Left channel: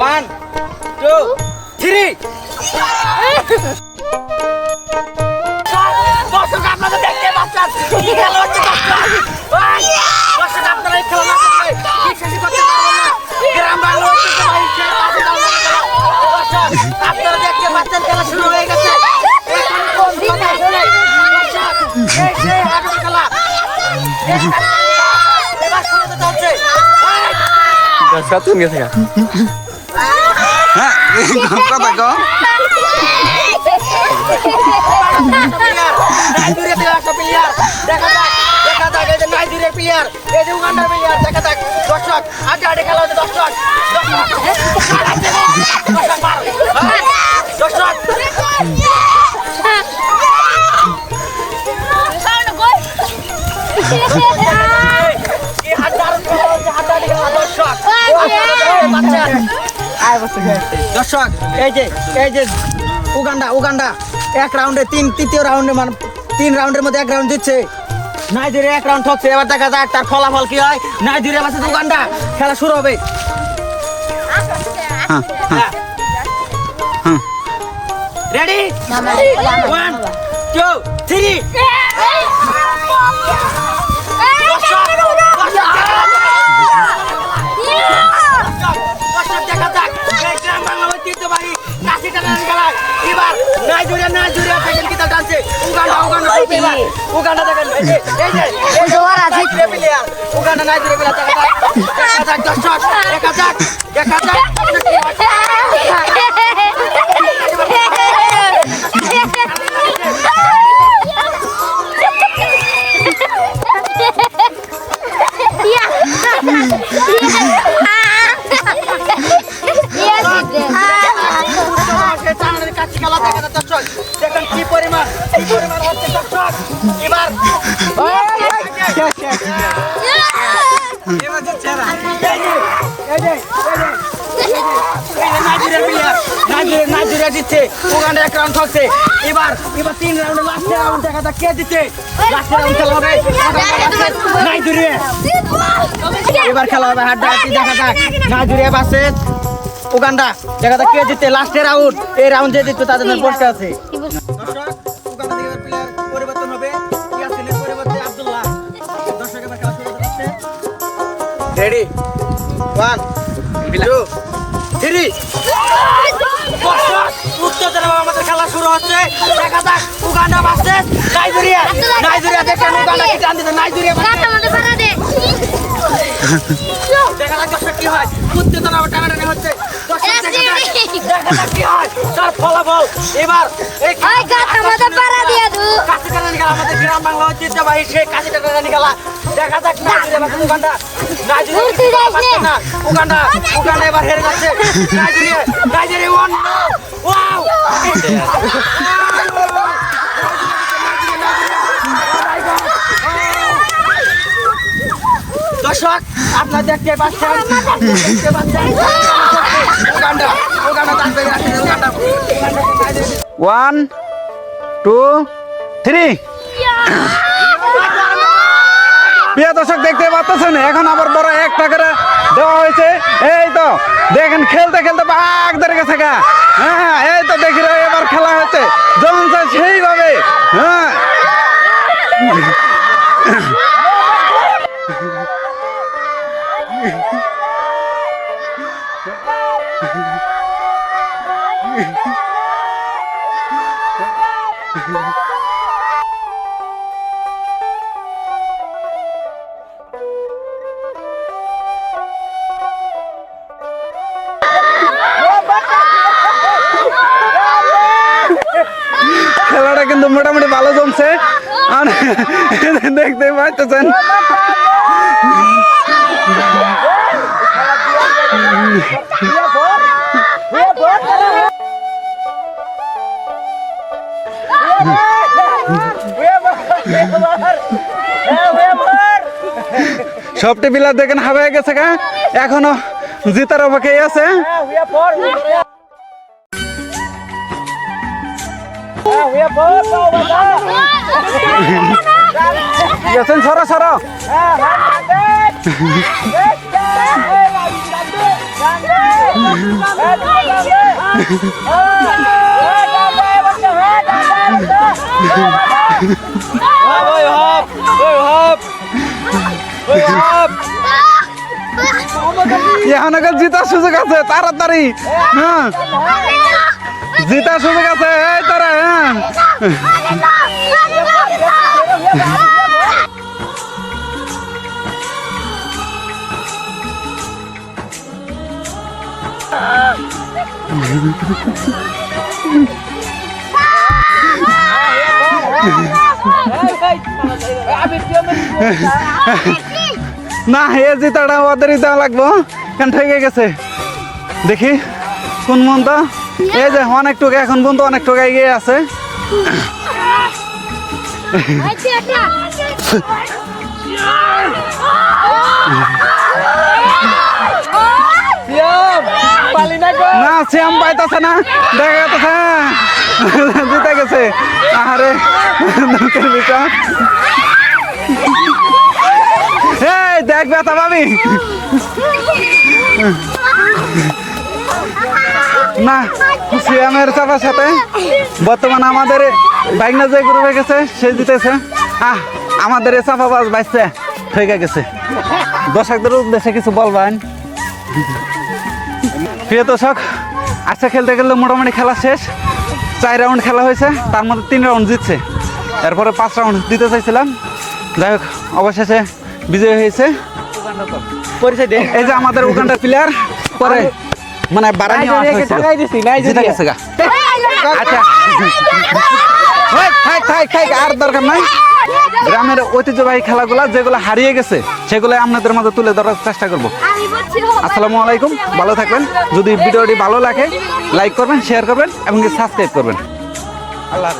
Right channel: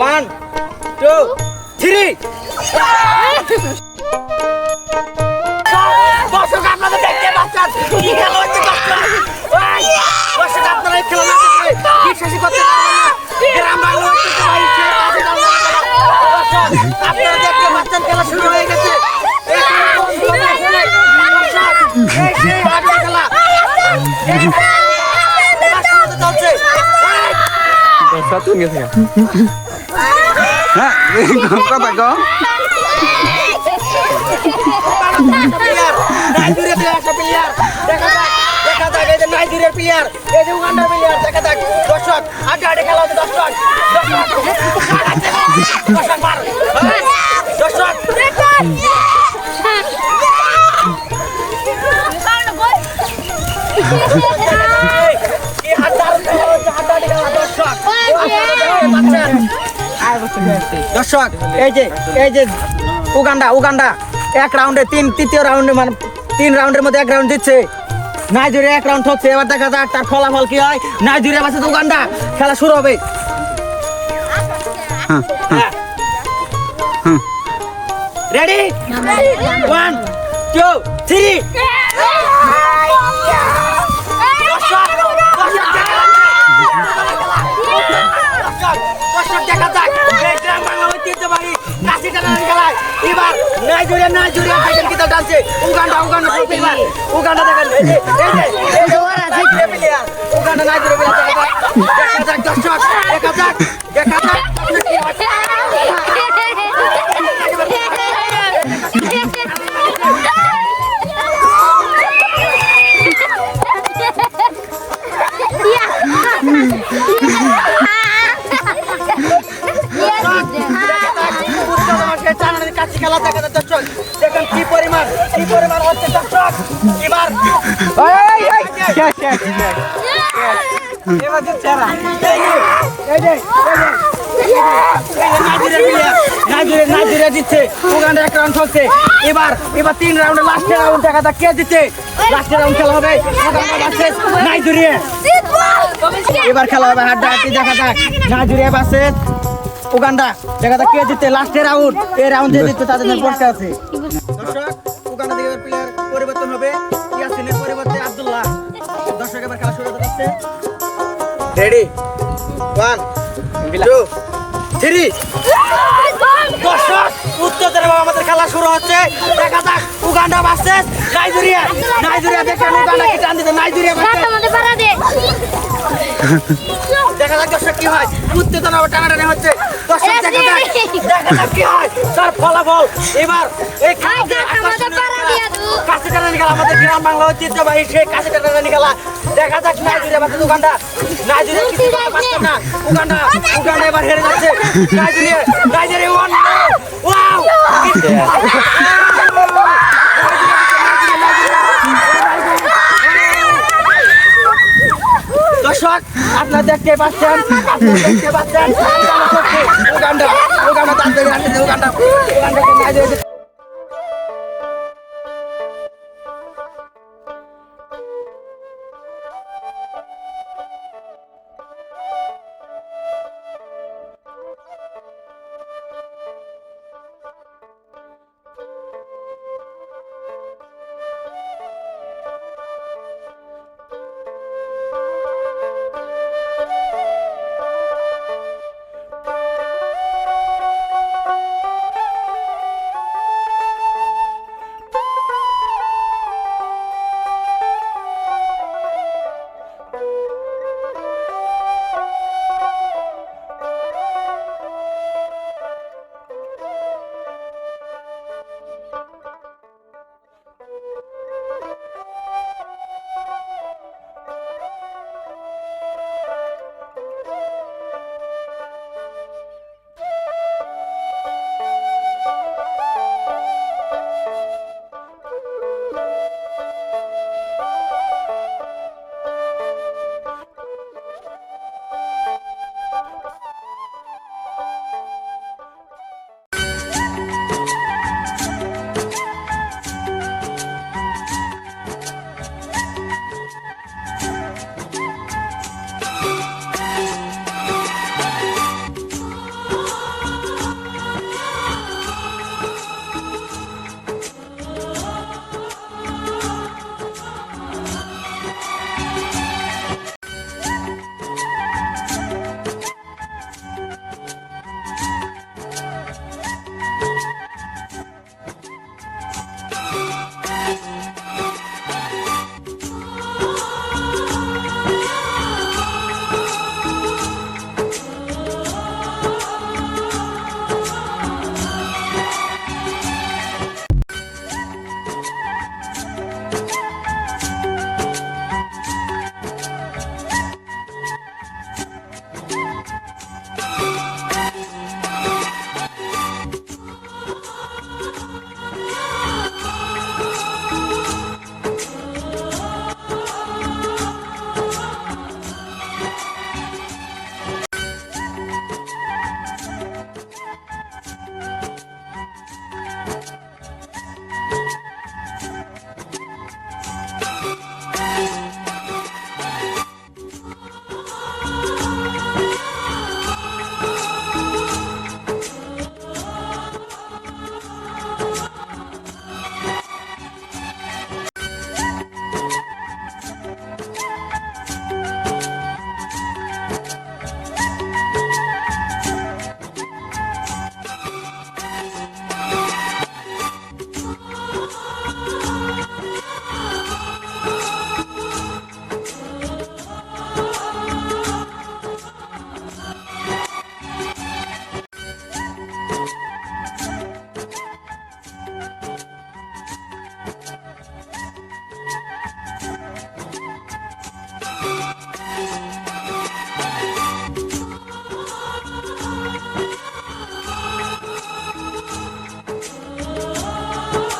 1, 2, 3 দর্শক আপনারা দেখতে পাচ্ছেন কি খেলা হচ্ছে দর্শক আপনারা এই খেলা না দেখলে বিশ্বাসই করতে পারবেন না গ্রাম বাংলা হচ্ছে ভাই সেই কাছে দাও দর্শক আপনারা দেখতে পাচ্ছেন খেলা শুরু হয়ে গেছে এখন দর্শক এই সেই হাডুর খেলা এবার শুরু হতে চলছে হ্যাঁ কথা কম নাইজেরিয়া প্লেয়ার দেখা যাক এই যে নাইজেরিয়া প্লেয়ার এই যে উগান্ডার প্লেয়ার দেখা যাক দর্শক আড্ডা খেলা হচ্ছে দর্শক দর্শক এই যে উগান্ডা এক রাউন্ডে তৃতীয় রাউন্ডে মানে 3 রাউন্ডের মধ্যে 1 রাউন্ড দিচ্ছে নাইজেরিয়া 1 রাউন্ড হচ্ছে এবার দেখা যাক তার ফলাফল কি হয় নাইজেরিয়া ভার্সেস উগান্ডা খেলা শুরু হবে রেডি 1 2 3 দেখা যাক গ্রাম বাংলা ঐতিহ্যবাহী কাশি টানার খেলায় এবার নাইজেরিয়া দেখেন কি দল টানছে উগান্ডা চলছে এবার উগান্ডা দেখেন উগান্ডা নাইজেরিয়া দেখা যাক দর্শক দেখা যাক কি হয় খেলা দেখা যাচ্ছে দর্শক দেখেন কি পরিমাণ হচ্ছে দর্শক এবার নাইজেরিয়া জিতছে উগান্ডা 1 রাউন্ড চলছে এবার 3 রাউন্ডে লাস্টের রাউন্ড দেখা যাক কে জিতছে লাস্টের রাউন্ড খেলা হবে উগান্ডা ভার্সেস নাইজেরিয়া এবার খেলা হবে হাড্ডাহাড্ডি দেখা যাক নাইজেরিয়া ভার্সেস উগান্ডা দেখা যাক কে জিতে লাস্টের রাউন্ড এই রাউন্ড যে জিতবে তাদের জন্য পুরস্কার আছে দর্শক উগান্ডা থেকে প্লেয়ার পরিবর্তন হবে ইয়াসিনের পরিবর্তে আব্দুল্লাহ দর্শক এবার খেলা শুরু করতে রেডি 1 2 3 দর্শক উত্তর আমাদের খেলা শুরু হচ্ছে দেখা যাক উগান্ডা ভার্সেস নাইজেরিয়া দেখেন উগান্ডা কি জান দিতে নাইজেরিয়া দেখা যাক দর্শক কি হয় উত্তেজনা টানাটানি হচ্ছে দর্শক দেখা যাক কি হয় তার ফলাফল এবার এই কাশি টানাটানি খেলা আমাদের গ্রাম বাংলা ঐতিহ্যবাহী সেই কাশি টানাটানি খেলা দেখা যাক নাইজেরিয়া ভার্সেস উগান্ডা নাইজেরিয়া কিছু করতে পারছে না উগান্ডা এবার হেরে যাচ্ছে নাইজেরিয়া ওয়ান ওয়াও দর্শক আপনারা দেখতে পাচ্ছেন উগান্ডা তাদের রাখছে উগান্ডা 1 2 3 প্রিয় দর্শক দেখতে পাচ্ছেন এখন আবার বড় একটা করে দেওয়া হয়েছে এই তো দেখেন খেলতে বাঘ ধরে গেছে গা হ্যাঁ এই তো দেখি এবার খেলা হচ্ছে যেমন চাই সেইভাবে হ্যাঁ খেলাটা কিন্তু মোটামুটি ভালো জমছে আর দেখতে পাচ্ছেন সবটি বিলার দেখেন হাওয়ায় গেছে গা এখনো জিতার অপেক্ষায় আছে গেছেন সরো সরো এখন এখন জিতার সুযোগ আছে তাড়াতাড়ি। হ্যাঁ জিতার সুযোগ আছে এই তারা। হ্যাঁ না হে জিতাটা ওদেরই দেওয়া লাগবো কেন ঠেকে গেছে। দেখি কোন মন তো এই যে অনেক টুকা এখন পর্যন্ত অনেক টুকা এগিয়ে আছে। না শ্যাম পাইতেছে না দেখা যাচ্ছে জিতে গেছে। আরে দুঃখের বিষয়। এই দেখ ব্যথা পাবি না শ্যামের চাপার সাথে বর্তমানে আমাদের বাইকনা যে গ্রুপে গেছে সে জিতেছে। আমাদের এই চাপাবাজ বাইসছে হয়ে গেছে। দর্শকদের উদ্দেশ্যে কিছু বলবেন? প্রিয় দর্শক আচ্ছা খেলতে গেলে মোটামুটি খেলা শেষ। 4 রাউন্ড খেলা হয়েছে, তার মধ্যে 3 রাউন্ড জিতছে, এরপরে 5 রাউন্ড দিতে চাইছিলাম। যাই হোক অবশেষে বিজয় হয়েছে। এই যে আমাদের ওখানটা প্লেয়ার পরে মানে বাড়ানি জিতে গেছে গা। আচ্ছা আর দরকার নাই। গ্রামের ঐতিহ্যবাহী খেলাগুলা যেগুলো হারিয়ে গেছে সেগুলো আপনাদের মধ্যে তুলে ধরার চেষ্টা করবো। আসসালামু আলাইকুম, ভালো থাকবেন। যদি ভিডিওটি ভালো লাগে লাইক করবেন, শেয়ার করবেন এবং সাবস্ক্রাইব করবেন। আল্লাহ।